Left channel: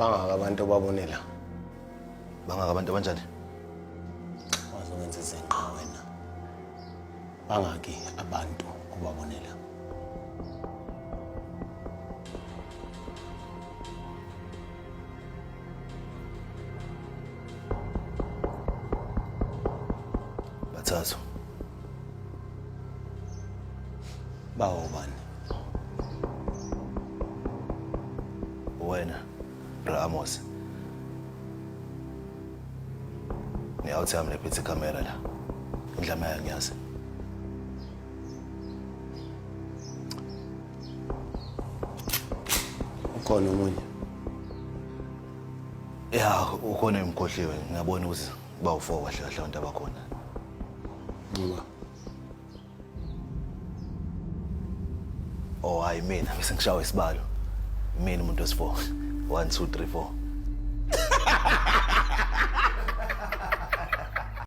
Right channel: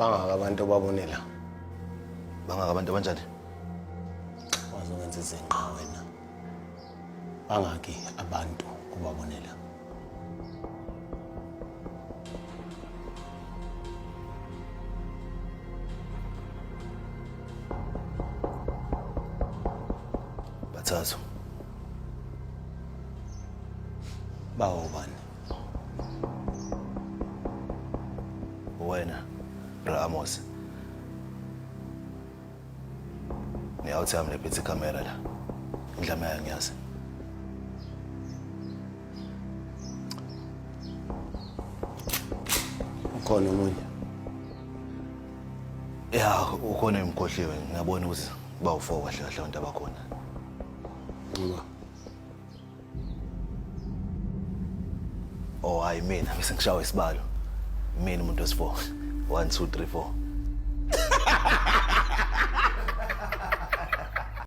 Bangaka abantu obabonela. Bangaka abantu abanjani? Wazokwenza izinqa wena. Bangaki abantu obabonela. Bathathu. Bawo bani? Wena, Bra Amos. Ni-out yami lephethe ikhamera la. Indlama yayo ngiyazi. Ukhona omunye? Ya, ukhona emkhohliwe. Ngiyabona ukuthi bawu4 kahle kahle abantu abakhona. Ngiba. Oh, hayi mina bese ngishawa isibalo. Mina umuntu wesi4. 1 2 3 4.